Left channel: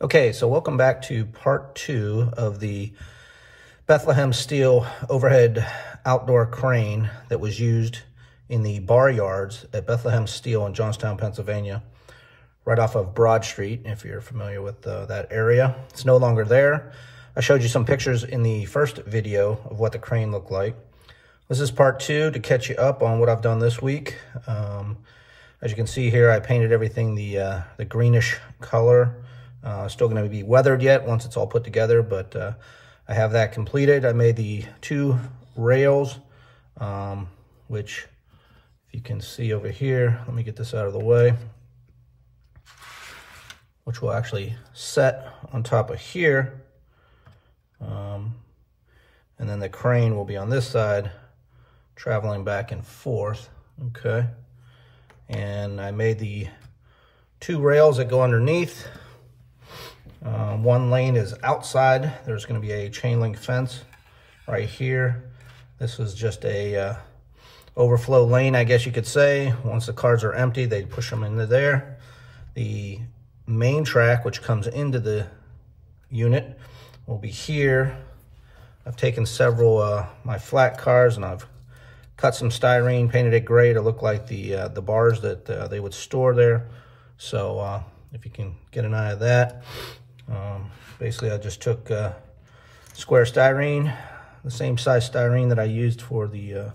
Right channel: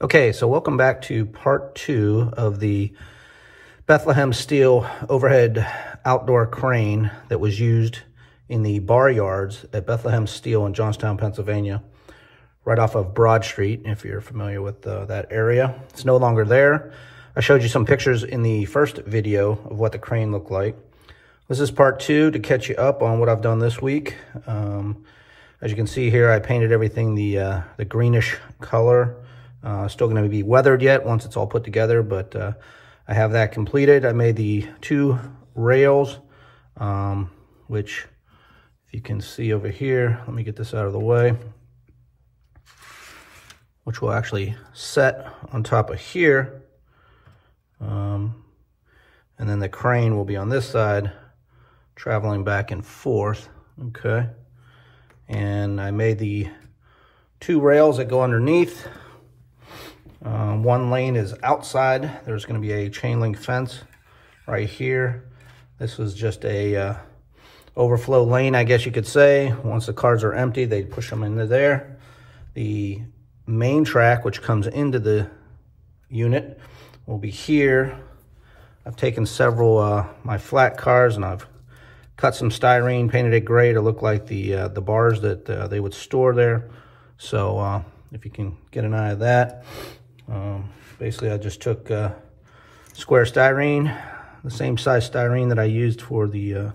Okay, so welcome back to part 2 of the Bethlehem Steel overhead outdoor crane that was used in the bar yards at Bethlehem Steel in Johnstown, Pennsylvania, right off of Broad Street, if you're familiar with that area. It's no longer there. I showed you some pictures in the first video of what the crane looked like. This is part 2 to catch you up on what I've done this week. As you can see here, I painted everything the greenish color. Still going to be weathered yet once it's all put together, but I have that completed. I made the 2 rails, which if you can see over here, let me get this out of the way, which will actually set on top of here. And then the crane will be on this side, traveling back and forth, okay? And I made the 2 rails that go underneath. One lane is outside. There's going to be a chain link fence right here. This was just a overflow lane, I guess you could say. Once the cars are empty, they push them into there. The main track, which comes into the unit, will be here. I've taken several my flat cars and I've cut some styrene, painted it gray to look like the bars that they would store there. So if you can get an eye of that. Basically, I just took square styrene, the same size styrene that I used for the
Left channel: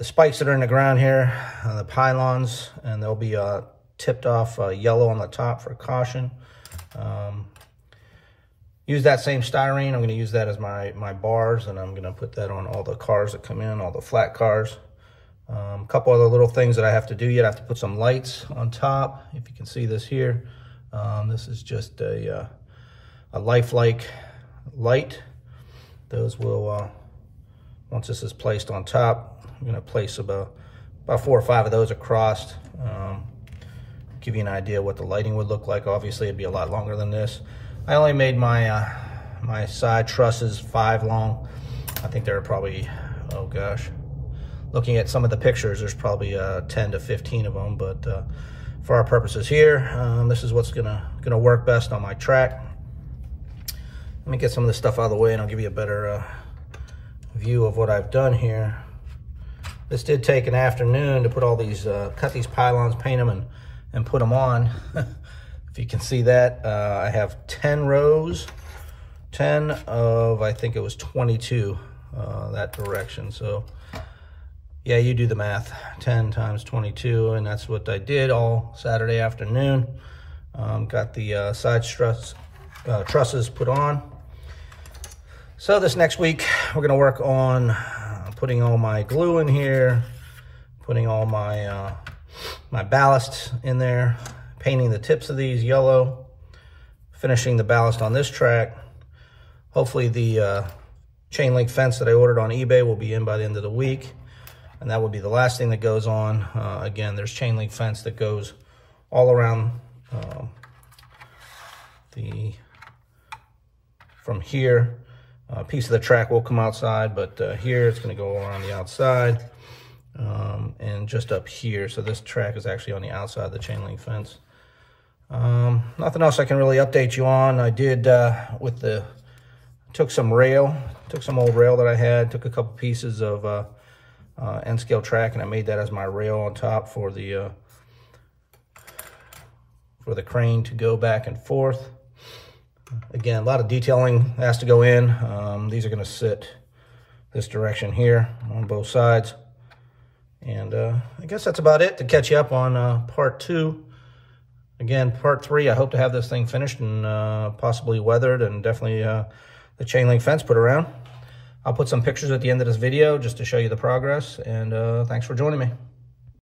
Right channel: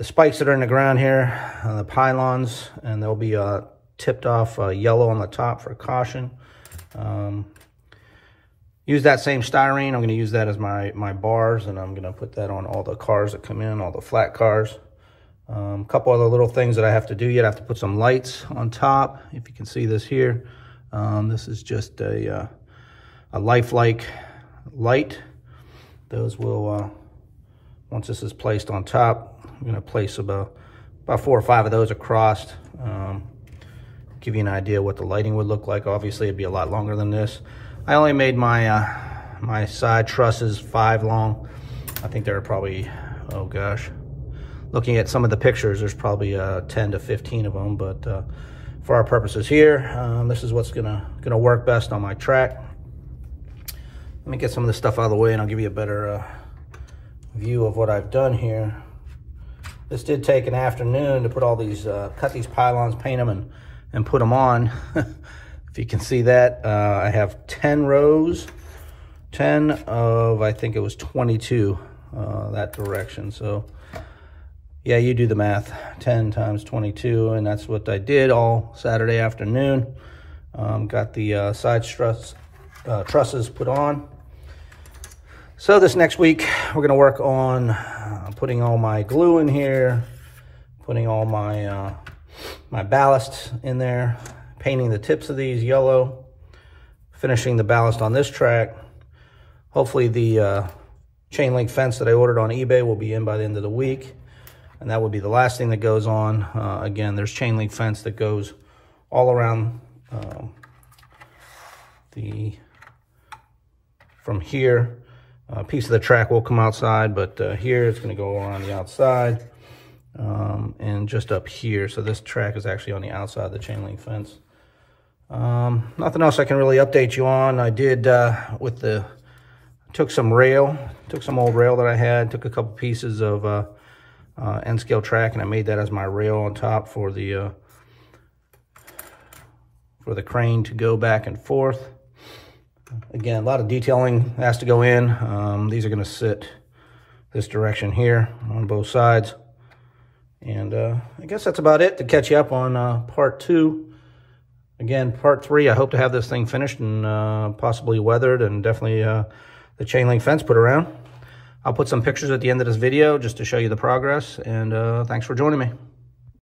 spikes that are in the ground here, the pylons, and they'll be tipped off yellow on the top for caution. Use that same styrene. I'm going to use that as my bars, and I'm going to put that on all the cars that come in, all the flat cars. A couple other little things that I have to do yet. I have to put some lights on top, if you can see this here. This is just a lifelike light. Those will, once this is placed on top, I'm going to place about 4 or 5 of those across. Give you an idea what the lighting would look like. Obviously, it'd be a lot longer than this. I only made my my side trusses 5 long. I think there are probably, oh gosh, looking at some of the pictures, there's probably 10 to 15 of them, but for our purposes here, this is what's gonna work best on my track. Let me get some of this stuff out of the way and I'll give you a better view of what I've done here. This did take an afternoon to put all these, cut these pylons, paint them, and put them on. If you can see that, I have 10 rows, 10 of, I think it was 22, that direction. So yeah, you do the math, 10 times 22, and that's what I did all Saturday afternoon. Got the side trusses put on. So this next week, we're gonna work on putting all my glue in here, putting all my, my ballasts in there, painting the tips of these yellow, finishing the ballast on this track. Hopefully the chain link fence that I ordered on eBay will be in by the end of the week. And that will be the last thing that goes on. Again, there's chain link fence that goes all around from here. A piece of the track will come outside, but here it's going to go around the outside and just up here. So this track is actually on the outside of the chain link fence. Nothing else I can really update you on. I did took some old rail that I had, took a couple pieces of end scale track, and I made that as my rail on top for the crane to go back and forth. Again, a lot of detailing has to go in. These are going to sit this direction here on both sides. And I guess that's about it to catch you up on part 2. Again, part 3, I hope to have this thing finished and possibly weathered, and definitely the chain link fence put around. I'll put some pictures at the end of this video just to show you the progress, and thanks for joining me.